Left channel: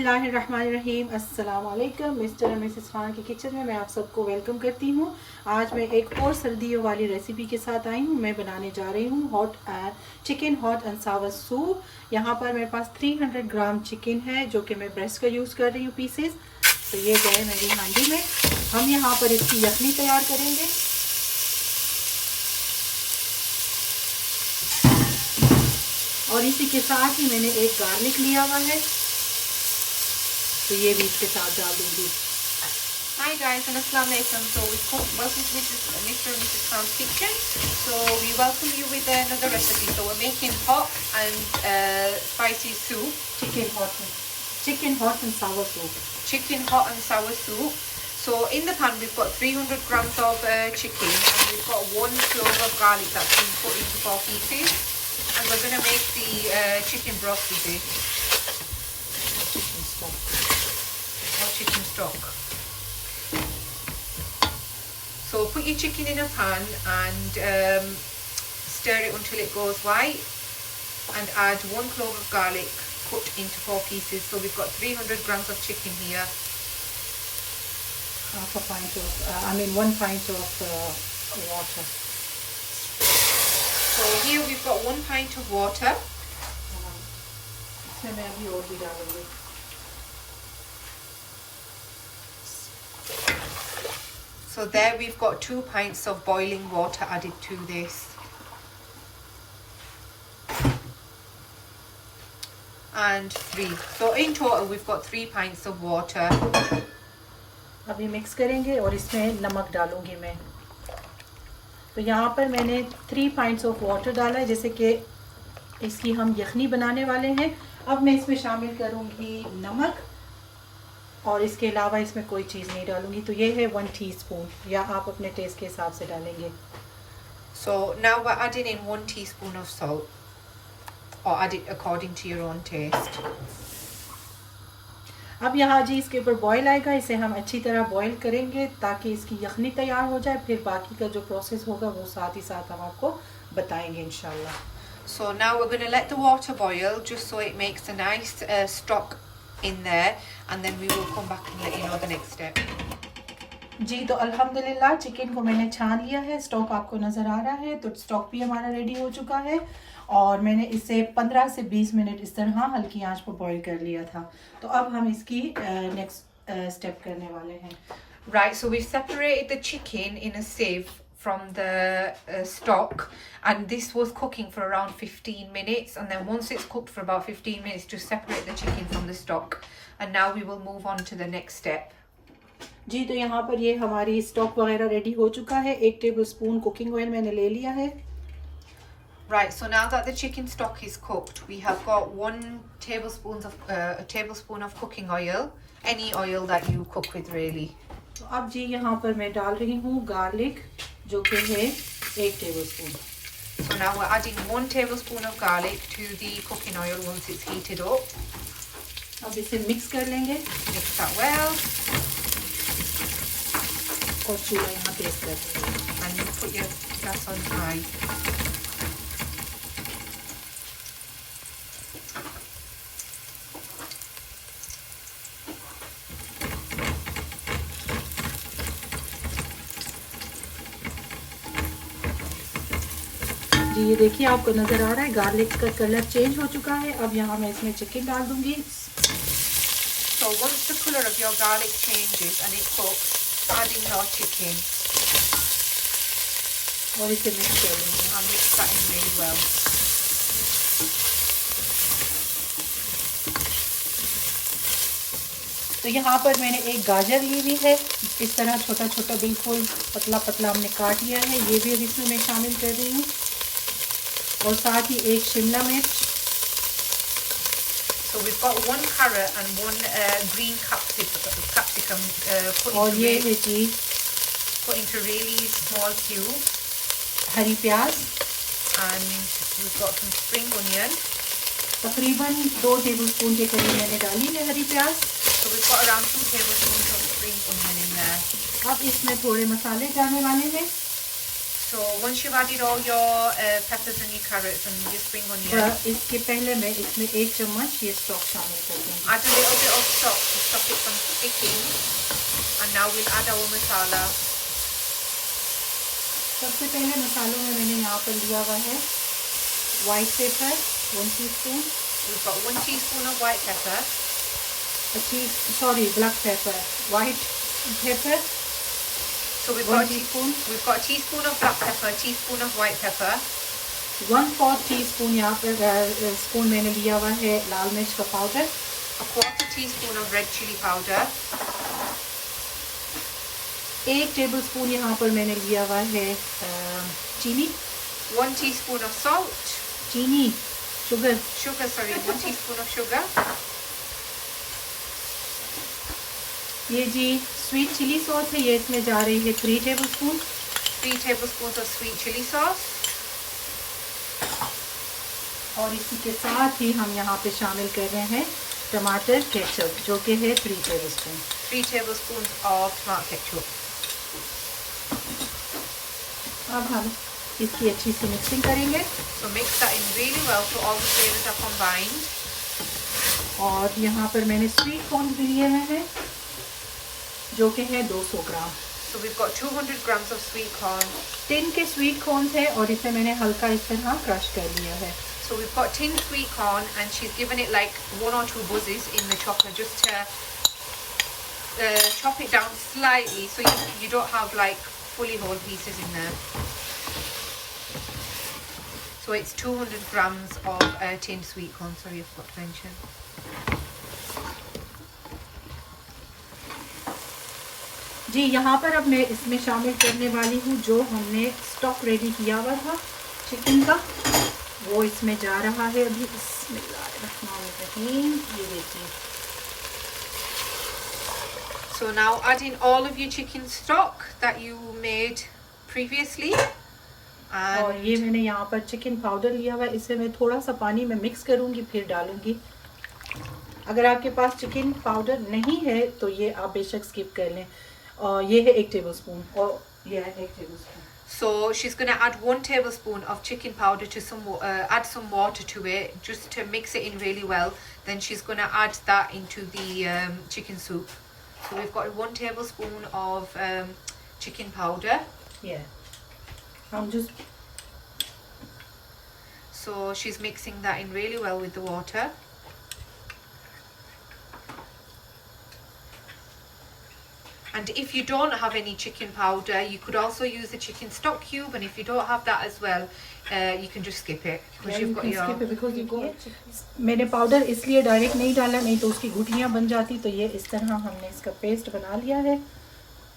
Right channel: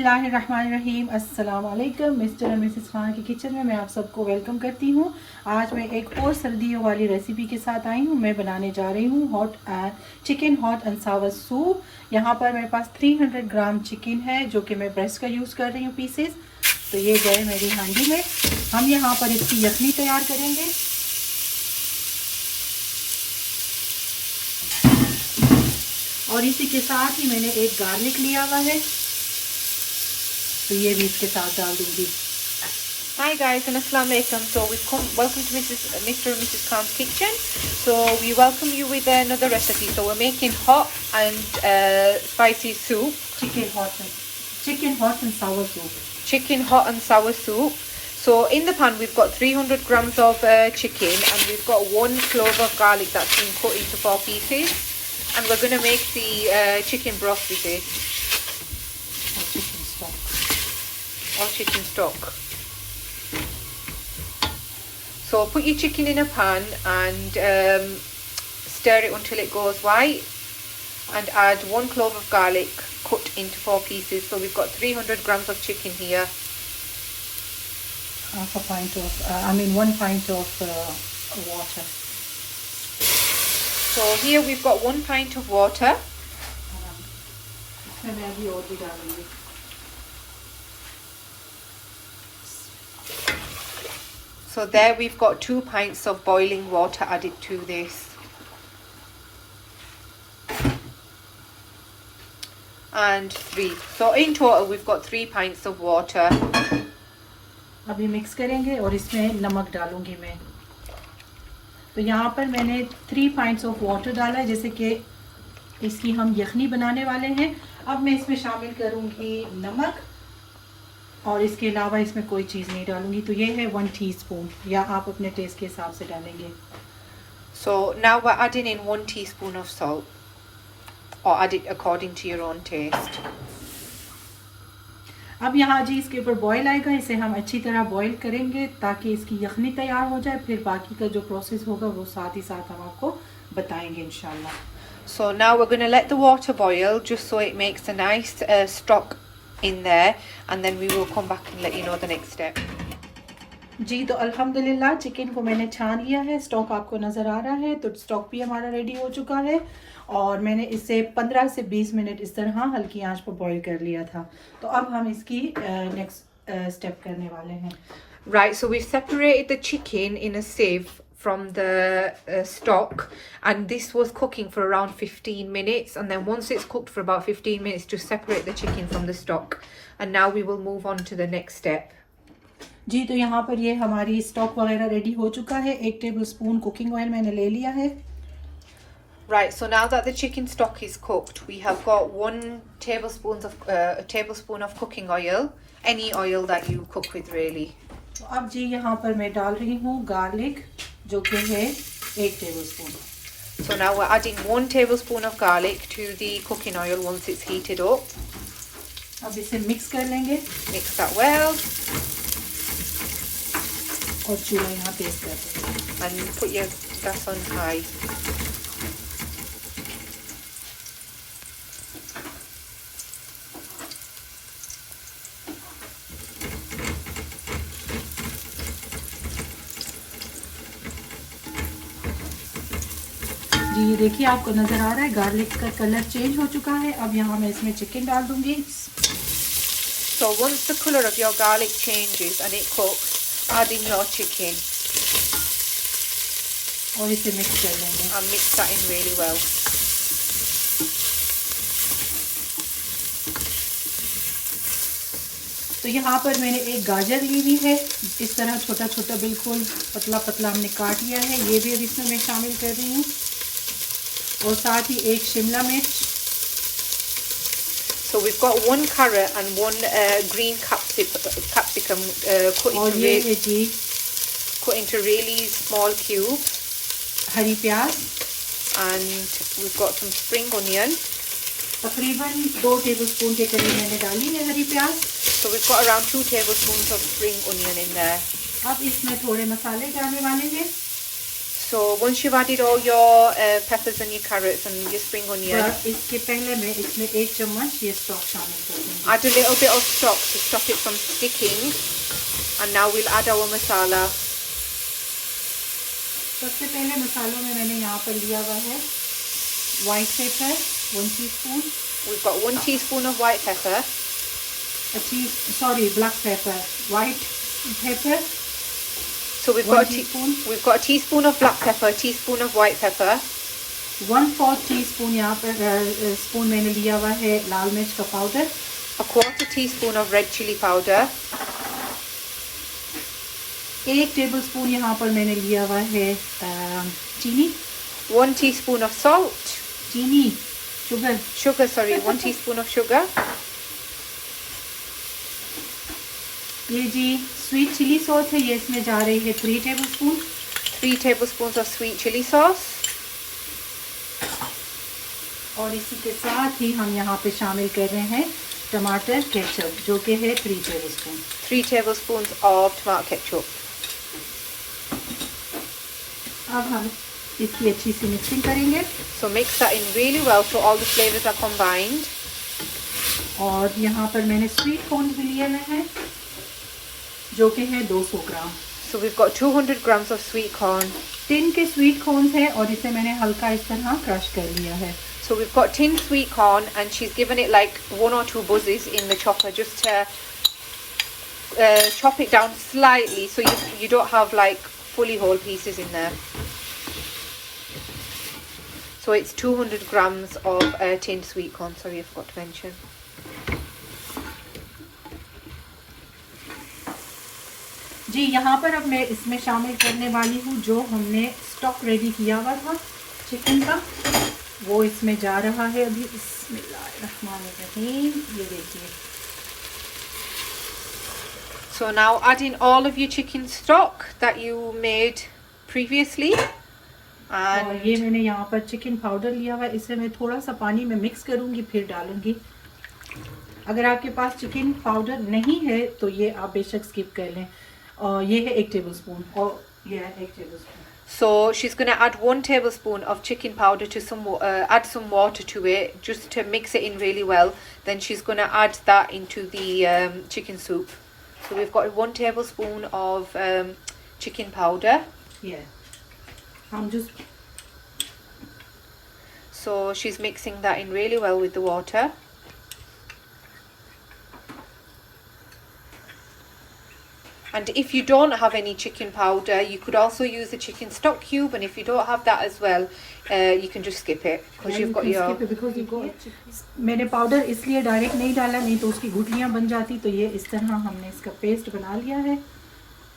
बिस्मिल्लाहिर्रहमानिर्रहीम अस्सलाम वालेकुम। मिस्टर एंड मिसेस खान की किचन में मैं आप सबको वेलकम करती हूँ। आज मैं एक और सर्दियों वाली रेसिपी के साथ आई हूँ। मैं बनाने जा रही हूँ chicken hot and Sawar soup. यहाँ पर मेरे पास 300 ग्राम चिकन है जो कि मैं ब्रेस्ट का यूज़ कर रही हूँ पीसेस। तो ये गए मेरी हांडी में। हम यहाँ पर इसकी यखनी तैयार करेंगे। और इसी के साथ ही मैंने एक गार्लिक लिया हुआ है, तो ये भी इसके साथ डाल दूंगी। Hi guys and Assalamu alaikum. So welcome to Mr. and Mrs. Khan's kitchen. So we welcome you with another recipe. So we're making hot and spicy soup. Chicken hot and sour soup. Chicken hot and sour soup. So in the pan we've got 300 grams of chicken, and we've got 1 clove of garlic that's been cut into 4 pieces. And we're going to make the chicken broth with it. Chicken stock. So put your chicken in a pan and stir it until it goes white, and add 1 clove of garlic cut into 4 pieces. So we've got 300 grams of chicken here. 1 pint of water. So here we've got 1 pint of water. So there we've got 2 pints of boiling water added to this. And 3. So in total we've got 3 pints of water. अभी mix करेंगे और इसमें नमक डालूंगी मैं। तो यहाँ पर मैंने 3 pints ऑफ वाटर डाला है, जैसे कि इसकी हम यखनी बनाने वाले हैं। अब मैं इसमें शामिल करूँगी नमक, और इसके अलावा इसमें कोई चीज़ नहीं डालूंगी। तो ये है 1 टीस्पून, या आप अपने टेस्ट के हिसाब से डालेंगे। So now we're adding in 1 teaspoon of salt, or add it according to your own taste. अब यहाँ जी इसके ऊपर बॉईल आएगा, इसे हम अच्छी तरह बॉईल करेंगे ताकि इसकी यखनी तैयार हो जाए। फिर बाकी का जो प्रोसेस होगा वो साथ ही साथ हम आपको बताएंगे इंशाल्लाह। So now we're going to let the water boil just so it makes a nice stock in there, and then we will come back and let you know the next step. जी तो अल्हम्दुलिल्लाह chicken को मैंने छान लिया है। Stock आपको नज़र आ रहा है, तो स्टॉक भी हमारा रेडी हो चुका है। और मैंने इसे 15 से 20 मिनट इस तरह हल्की आंच पर बॉईल कर लिया था। तो अब हम इसकी नेक्स्ट स्टेप करने वाले हैं। Right, so we separated the chicken in a sieve from the stock, and this was cooking for around 15 minutes, and then once it's cooked for about 15 minutes, just separate the chicken from the stock. And now we will move on to the next step. जी तो यहाँ पर ये हमारी stock वगैरह ready हो चुका है। 1 tablespoon cooking oil मैंने ले लिया है। Right, so now that the chicken stock is cooked, we have got 1 tablespoon of cooking oil, any oil that you cook with really. तो अब जी यहाँ पर मैं डाल रही हूँ गार्लिक, जो कि है 1 tablespoon. So now we're adding 1 tablespoon of garlic to the cooking oil once it's heated up. अब इसे मिक्स कर लेंगे। Mix that well. और चूल्हा यहाँ तेज कर, And you put your gas on high. जी ये देखिए आपको नज़र आ रहा है गार्लिक का कलर चेंज हो चुका है। अब यहाँ मैं इसमें चिकन डाल दूंगी। So once the colour of your garlic changes and it cooks, add in your chicken. और इसे मिक्स कर लेंगे। And mix that in really well. तो यहाँ पर मैंने एक गाजर ली हुई है, इस तरह छोटा छोटा बिल्कुल पतला पतला हमने काट लिया है। ये भी अब इसमें मैं शामिल कर रही हूँ, और साथ ही 1 शिमला मिर्च। So we've got 1 carrot and 1 green capsicum और ये है जी cut into really small cubes. हरी प्याज, and we've got some spring onion. तकरीबन 2 टेबलस्पून के करीब मैंने डाली है हरी प्याज। So we've got around 2 tablespoons of spring onion in there. अब इसमें थोड़े मसाले डालने वाले हैं। So once you've added all your peppers and your carrots and your spring onions, इसके पहले मैं इसमें 1 चम्मच ये स्टॉक शामिल कर दूँगी. add a little bit of stock to stop it from sticking. And now we'll add our masala. सबसे पहले मसालों में मैंने यहाँ पर लिया हुआ है white pepper 1 teaspoon. We've got 1 teaspoon of white pepper. Black pepper. White pepper. So we've got a teaspoon of black pepper, a teaspoon of white pepper. 1/4 teaspoon यहाँ पर स्पून मैंने लिया हुआ है लाल मिर्च का powder. A 1/4 teaspoon of red chili powder. 1 tablespoon यहाँ पर मैंने लिया हुआ है चीनी. 1 teaspoon of salt. चीनी, sugar. 1 teaspoon of sugar. ये जी स्वीट चिली सॉस है, ये इसमें जा रही है 3 tablespoon. 3 tablespoons of sweet chili sauce. और इसी के साथ ही हम यहाँ पे शामिल कर रहे हैं टमाटर केचप जो कि है 3 tablespoon. 3 tablespoons of tomato ketchup. अब हम इसकी अच्छी सी मिक्सिंग करेंगे. So mix that in really well so all the flavors are combined. और यहाँ पर मैंने स्वीट कॉर्न भी लिए हुए हैं जो कि है 200 ग्राम. So we've got 200 grams of sweet corn. Tin के स्वीट कॉर्न है और इसे मैंने हल्का इस तरह क्रश कर लिया है. So we've got tinned sweet corn and she's given it like 1 or 2 buzzes in the chopper just to chop it down slightly so you don't have like fully whole pieces in there. So it's 200 grams of tinned sweet corn, sorry I forgot to mention. जी यहाँ पर अब मैं इसमें शामिल करने वाली हूँ जो हमने स्टॉक रेडी किया हुआ था चिकन का, वो इसमें जा रहा है अभी. बिस्मिल्लाहिर्रहमानिर्रहीम. ये देखिए. So now add in all of your chicken stock that you made previously. और ये मैंने यहाँ पर चिकन पाउडर लिया हुआ है, इसे मैं थोड़ा सा पानी में मिक्स करूँगी फिर डालूँगी. अगर आपके पास चिकन पाउडर नहीं है तो ये आप बेशक स्किप कर लें. और ये है 1 tablespoon और ये है 1 tablespoon. So she's going to add 1 tablespoon of chicken powder to add some water to it just to mix it in really well. Then she's going to add that into the chicken soup. So we've got 1 tablespoon of chicken powder. Yeah. I'm just. So she's mixing that in really well with the water. And if you don't have any chicken powder, you could also use the chicken stock cube. And if you don't have that as well, you can just skip it because you've got your. Skip it because you got. मैंने powder इसलिए direct नहीं डाला, नहीं तो उसकी गुठलियाँ बन जाती. तो ये इस तरह हमने इसका पेस्ट बना लिया है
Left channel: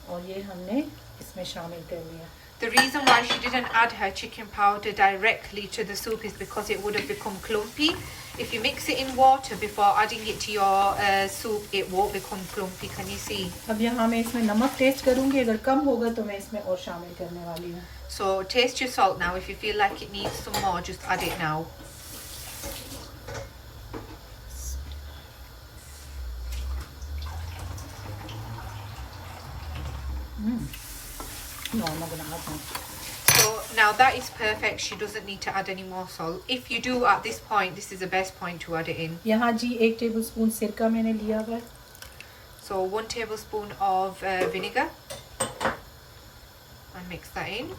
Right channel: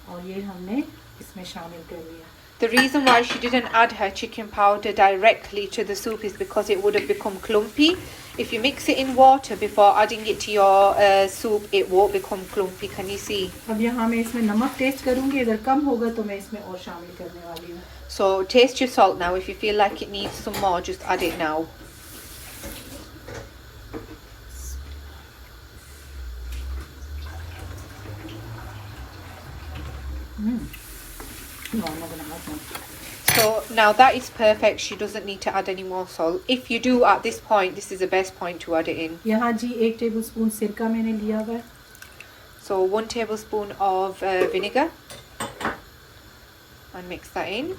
और ये हमने इसमें शामिल कर लिया. The reason why she didn't add her chicken powder directly to the soup is because it would have become clumpy. If you mix it in water before adding it to your soup, it won't become clumpy. Can you see? अब यहाँ मैं इसमें नमक test करूँगी, अगर कम होगा तो मैं इसमें और शामिल करने वाली हूँ. So taste your salt now. If you feel like it needs some more, just add it now. No, I'm not going to add that. So now that is perfect. She doesn't need to add any more salt. If you do at this point, this is the best point to add it in. यहाँ जी 1 tablespoon सिरका मैंने लिया हुआ है. So 1 tablespoon of vinegar. And mix that in.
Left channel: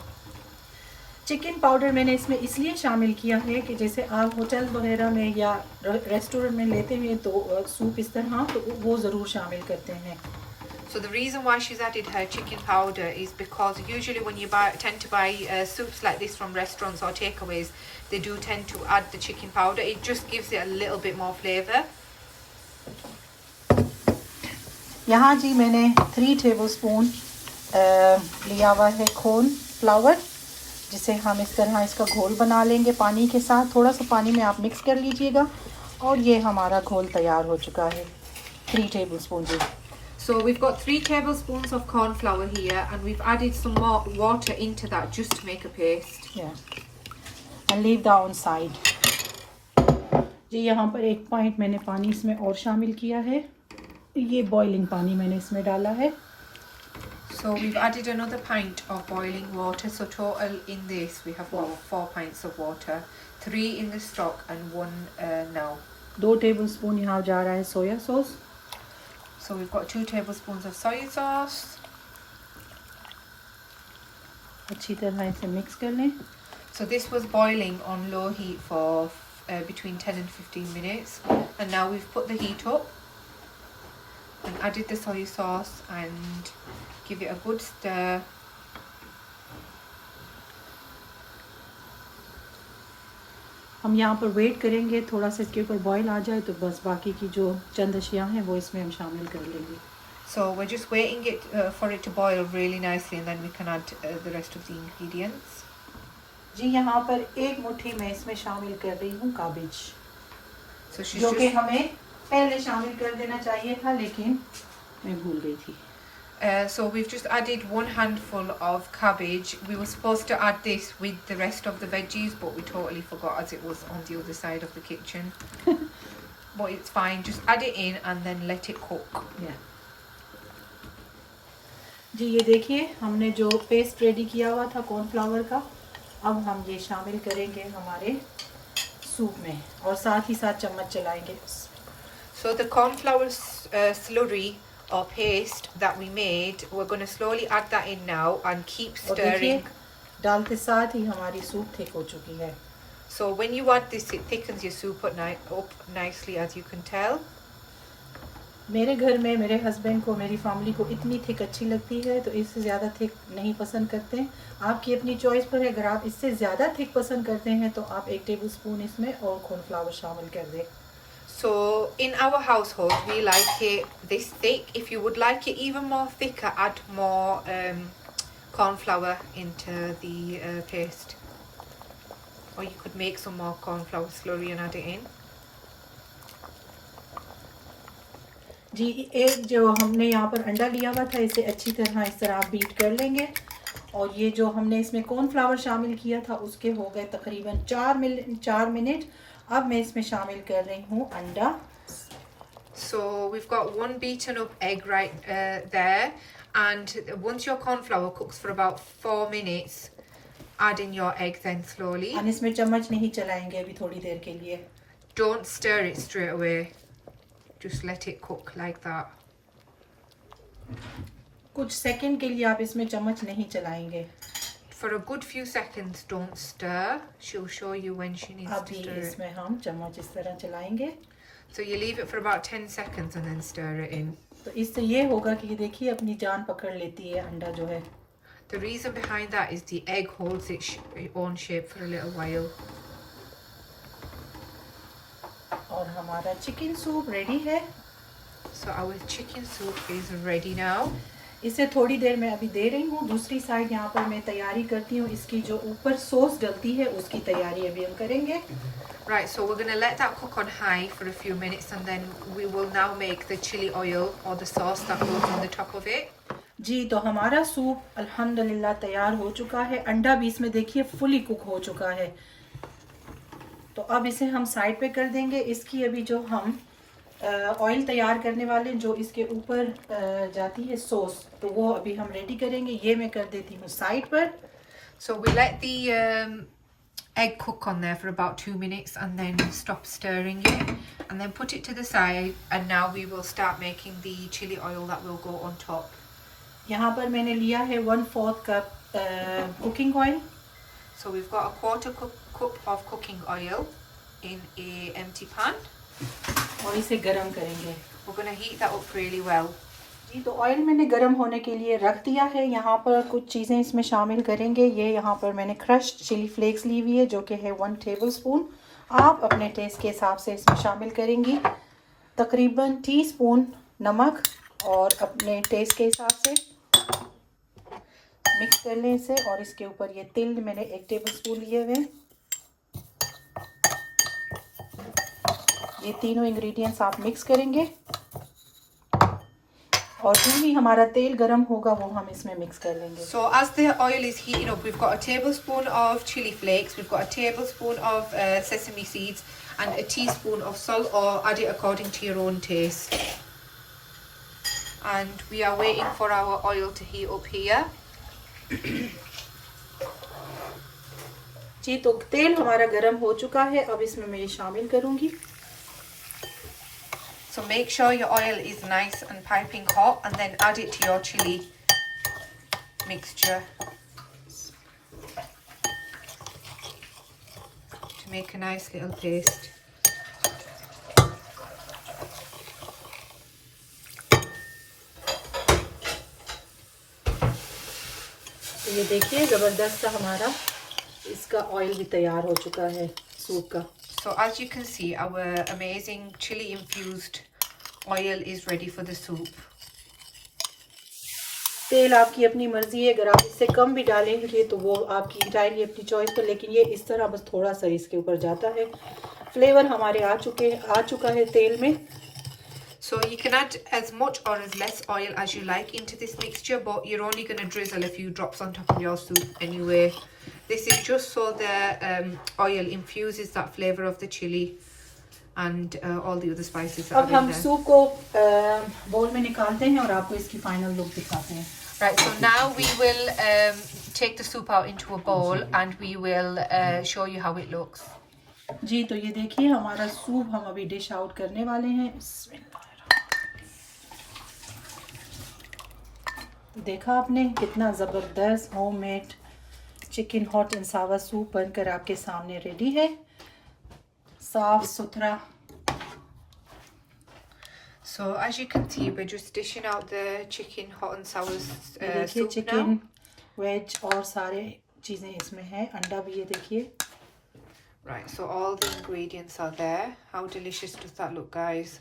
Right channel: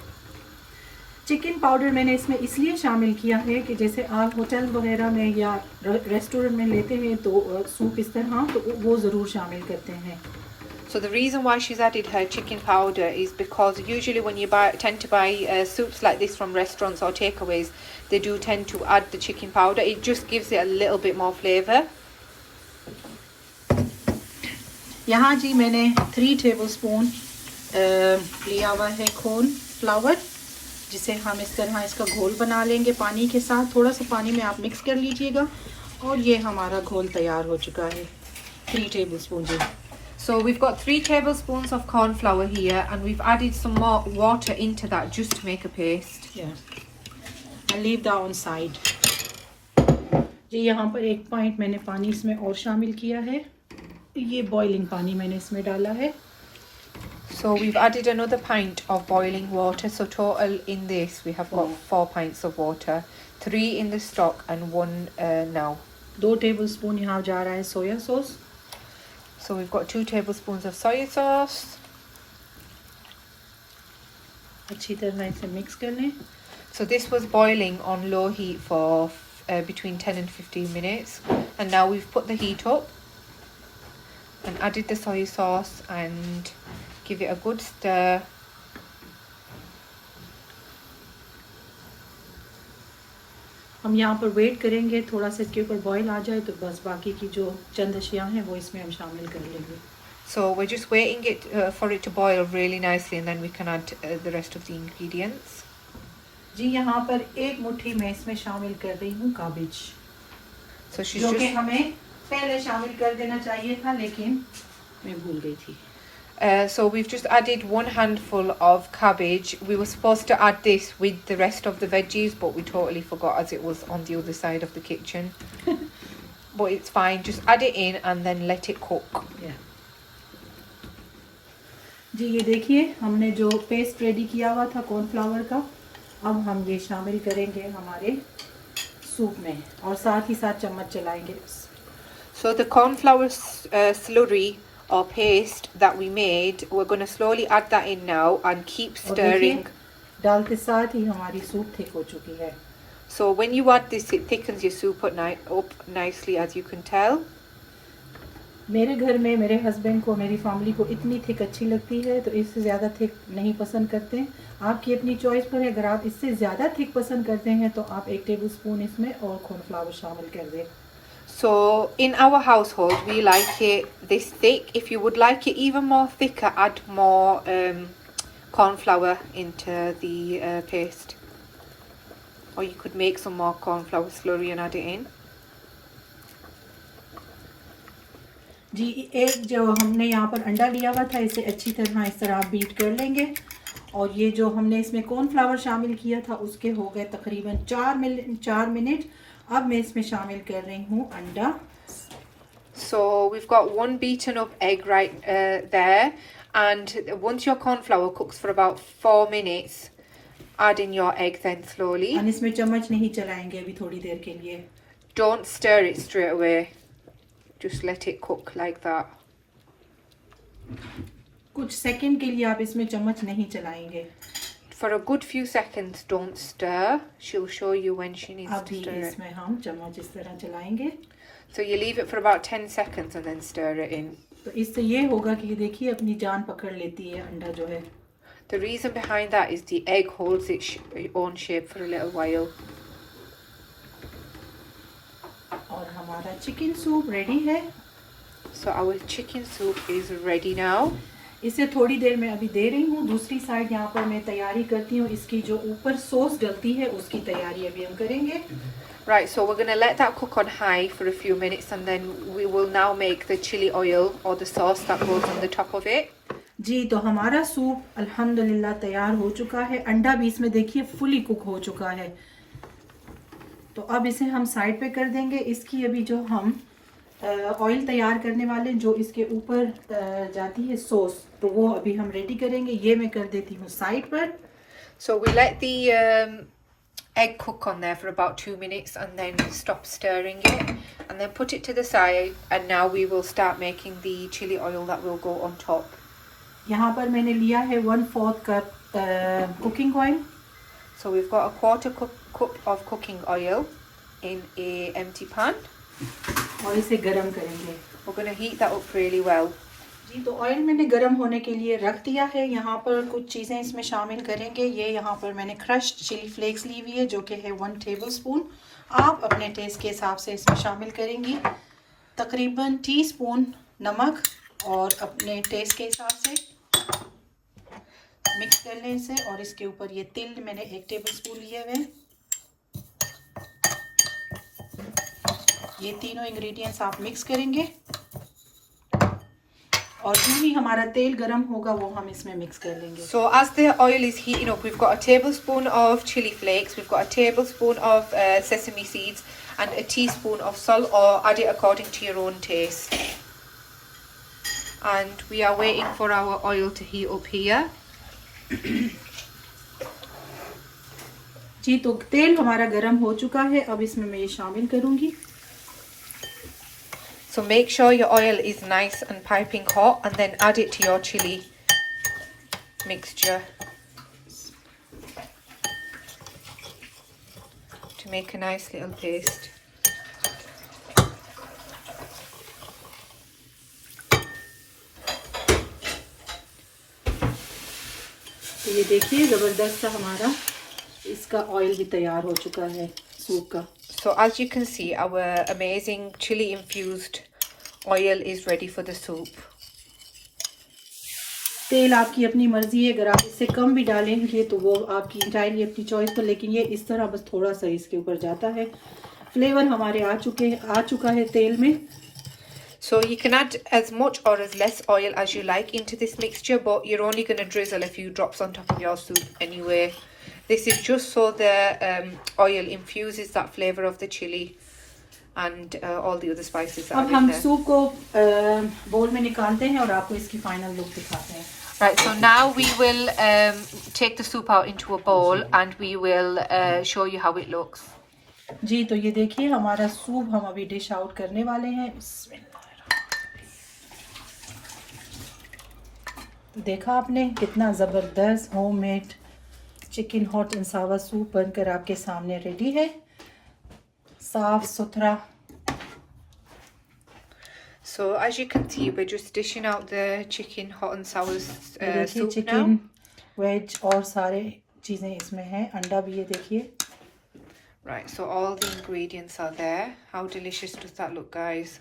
Chicken powder मैंने इसमें इसलिए शामिल किया है कि जैसे आप होटल वगैरह में या रेस्टोरेंट में लेते हैं तो सूप इस तरह तो वो ज़रूर शामिल करते हैं. So the reason why she's added her chicken powder is because usually when you tend to buy soups like this from restaurants or takeaways, they do tend to add the chicken powder. It just gives it a little bit more flavour. यहाँ जी मैंने 3 tablespoon लिया हुआ है cornflour, जिसे हम इस तरह इसका घोल बना लेंगे पानी के साथ. थोड़ा सा पानी में आप मिक्स कर लीजिएगा और ये हमारा घोल तैयार हो चुका है. 3 tablespoon ji. So we've got 3 tablespoons of corn flour here and we've added some more water into that just to make a paste. Yeah. And leave that on side. जी यहाँ पर 1 pint मैंने पानी इसमें और शामिल किया है. ये बॉइलिंग पानी मैंने इसमें डाला है. So we've added another pint of boiling water. So total in this we have got 4 pints of water, 3 in the stock and 1 now. 2 tablespoon यहाँ जा रहा है soya sauce. So we've got 2 tablespoons of soy sauce. अच्छी तरह इसे mix कर लें. So this was boiling on low heat for between 10 and 15 minutes, and now we've put the heat up and added the soy sauce and give it a good stir. हम यहाँ पर wait करेंगे थोड़ा सा इसके ऊपर बॉईल आ जाए, तो बस बाकी की जो चंद अशिया हैं वो इसमें हम शामिल कर लेंगे. So we're just waiting it for it to boil really nicely, and then we can add the rest of the ingredients. जी यहाँ पर 1 मुट्ठी मैं इसमें शामिल कर रही हूँ cabbage. So she's जो कि just हमें पहले शामिल कर देना चाहिए था, लेकिन मैं भूल गई थी. So we've just added 1 handful of cabbage. We were supposed to add this with the rest of the veggies, but we totally forgot as it was on the other side of the kitchen. But it's fine, just add it in and then let it cook. Yeah. जी ये देखिए हमने जो paste ready किया हुआ था cornflour का, अब हम ये शामिल करेंगे हमारे सूप में और साथ ही साथ चम्मच चलाएंगे. So the cornflour slurry or paste that we made, we're going to slowly add that in now and keep stirring. डालते साथ ही हमारी सूप थिक हो चुकी है. So when you add this, it thickens your soup up nicely, as you can tell. मेरे घर में मेरे हस्बैंड को, मेरी फैमिली को इतनी थिक अच्छी लगती है, तो इससे ज़्यादा थिक नहीं पसंद करते हैं. आपकी अपनी चॉइस पर है. अगर आप इससे ज़्यादा थिक पसंद करते हैं तो आप 1 टेबलस्पून इसमें और कॉर्नफ्लावर शामिल कर दें. So in our household we like it this thick. If you would like it even more thicker, add more cornflour into the paste, or you could make some more cornflour slurry and add it in. जी एक जो हमने यहाँ पर अंडा लिया हुआ था, इसे अच्छी तरह इस तरह आप बीट कर लेंगे. और ये जो हमने इसमें कॉर्नफ्लावर शामिल किया था उसके हो गए तकरीबन 4 मिनट. अब मैं इसमें शामिल कर रही हूँ अंडा. So we've got 1 beaten up egg right there, and once your cornflour cooks for about 4 minutes, add in your egg then slowly. और इसमें चम्मच नहीं चलाएंगे अभी थोड़ी देर के लिए. Don't stir it straight away. Just let it cook like that. कुछ सेकंड के लिए आप इसमें चम्मच नहीं चलाएंगे. For a good few seconds, don't stir. She'll show you when she needs to stir अभी it. इसमें हम चम्मच इस तरह चलाएंगे. So you leave it for about 10 seconds and then stir it in. तो इससे ये होगा कि देखिए अपनी जान पकड़ लेती है अंडा जो है. The reason behind that is the egg holds its own shape for a little while. और हमारा चिकन सूप रेडी है. So our chicken soup is ready now. इसे थोड़ी देर में अभी दे रही हूँ. दूसरी साइड यहाँ पर मैं तैयारी करती हूँ. इसकी जो ऊपर सॉस डलती है उसकी तैयारी अभी हम करेंगे. Right, so we're going to let that cook on high for a few minutes, and then we will now make the chili oil or the sauce that goes on the top of it. जी तो हमारा soup अल्हम्दुलिल्लाह तैयार हो चुका है. अंडा भी इसमें देखिए फुली कुक हो चुका है. तो अब इसे हम साइड पे कर देंगे. इसकी अभी जो हम ऑयल तैयार करने वाले जो इसके ऊपर जाती है सॉस, तो वो अभी हम रेडी करेंगे. ये मैं कर देती हूँ साइड पर. So we let the egg cook on there for about 2 minutes and then stop stirring it and then put it to the side, and now we will start making the chili oil that will go on top. यहाँ पर मैंने लिया है 1/4 cup cooking oil. So we've got a 1/4 cup of cooking oil in a empty pan. और इसे गरम करेंगे. We're going to heat that up really well. जी तो ऑयल मैंने गरम होने के लिए रख दिया है. यहाँ पर कुछ चीज़ें इसमें शामिल करेंगे. ये यहाँ पर मैंने क्रश्ड चिली फ्लेक्स ली हुई है जो कि है 1 टेबलस्पून. आप अपने टेस्ट के हिसाब से इसमें शामिल करेंगी. तकरीबन टीस्पून नमक और अपने टेस्ट के हिसाब से मिक्स कर लें इसे. और इसके ऊपर ये तिल मैंने 1 टेबलस्पून लिए हुए. ये तीनों इंग्रेडिएंट्स आप मिक्स करेंगे और जो भी हमारा तेल गरम होगा वो हम इसमें मिक्स कर लेंगे. So as the oil is heating up, we've got a tablespoon of chili flakes, we've got a tablespoon of sesame seeds and a teaspoon of salt, or add it according to your own taste. and we are waiting for our oil to heat up here. जी, तो तेल हमारा गरम हो चुका है, अब इसमें मैं ये शामिल करूंगी. So make sure your oil is nice and piping hot, and then add it to your chili mixture to make a nice little paste. तो ये देखिए ज़बरदस्त सा हमारा इसका ऑयल भी तैयार हो चुका है सूप का. So as you can see, our amazing chili infused oil is ready for the soup. तेल आपकी अपनी मर्जी है, अगर आप इससे कम भी डालेंगे तो वो आपकी इंटायरली अपनी चॉइस पर, लेकिन ये इस तरह बस थोड़ा सा इसके ऊपर जाता है. फ्लेवर हमारे आ चुका है तेल में. So you can add as much or as less oil as you like into this mixture, but you're only going to drizzle a few drops on top of your soup anyway. This is just so the oil infuses that flavour of the chili and all the other spices that are in there. अब हम soup को बोल में निकालते हैं और आपको इसकी फाइनल लुक दिखाते हैं. Right, so now we will take the soup out into a bowl and we will show you how it looks. जी, तो ये देखिए हमारा सूप हम अभी डिश आउट करने वाले हैं. देखा आपने कितना ज़बरदस्त homemade chicken hot and Sawar soup बनकर आपके सामने रेडी है, साफ सुथरा. So as you can see, we're just dishing out the chicken hot and sour soup chicken now. Veg और सारे चीज़ें इसमें हैं, अंडा भी ये देखिए. Right, so all the ingredients are there. How delicious does that look, guys?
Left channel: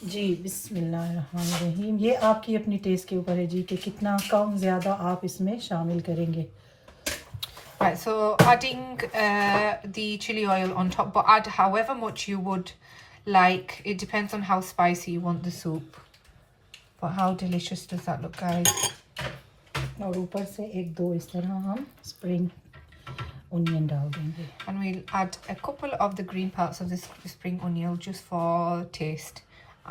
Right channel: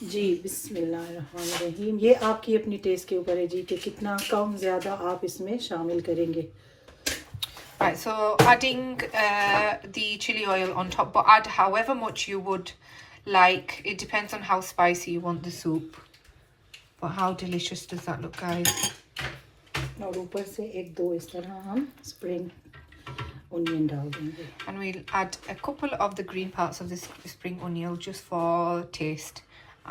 जी, बिस्मिल्लाहिर्रहमानिर्रहीम. ये आपकी अपनी टेस्ट के ऊपर है जी कि कितना कम ज़्यादा आप इसमें शामिल करेंगे. Right, so adding the chili oil on top, but add however much you would like. It depends on how spicy you want the soup. But how delicious does that look, guys? और ऊपर से एक दो इस तरह हम spring onion डाल देंगे. And we'll add a couple of the green parts of this spring onion just for taste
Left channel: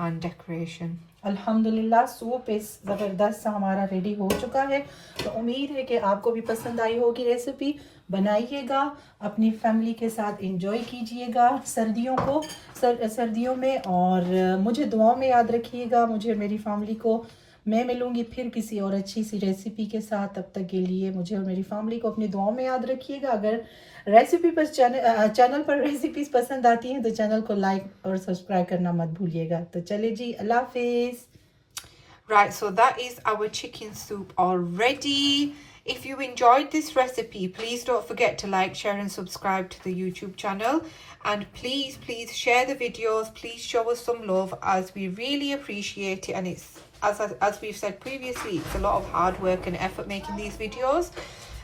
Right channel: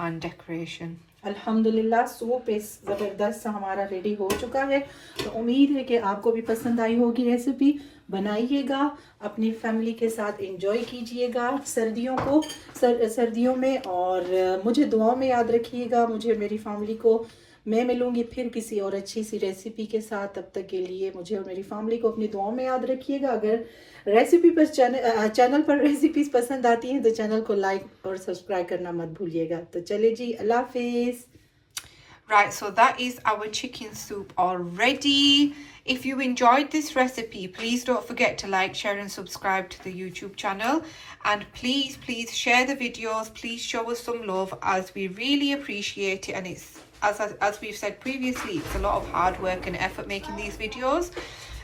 and decoration. अल्हम्दुलिल्लाह सूप इस ज़बरदस्त सा हमारा रेडी हो चुका है. तो उम्मीद है कि आपको भी पसंद आई होगी रेसिपी. बनाइएगा, अपनी फैमिली के साथ एंजॉय कीजिएगा सर्दियों में, और मुझे दुआओं में याद रखिएगा, मुझे मेरी फैमिली को. मैं मिलूंगी फिर किसी और अच्छी सी रेसिपी के साथ. तब तक के लिए मुझे और मेरी फैमिली को अपनी दुआओं में याद रखिएगा. अगर रेसिपी पर चैनल पर रेसिपीज पसंद आती हैं तो चैनल को लाइक और सब्सक्राइब करना मत भूलिएगा. तो चले जी, अल्लाह हाफिज़. Right, so that is our chicken soup already. If you enjoyed this recipe, please don't forget to like, share and subscribe to the YouTube channel. And please share the videos. Please show us some love, as we really appreciate it. And it's, as we've said previously, it's a lot of hard work and effort making these videos.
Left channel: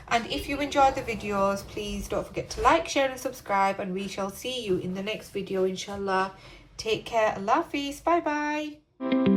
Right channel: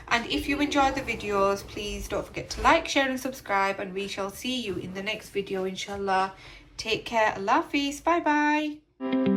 And if you enjoyed the videos, please don't forget to like, share and subscribe. And we shall see you in the next video, inshallah. Take care. Allah Hafiz. Bye bye.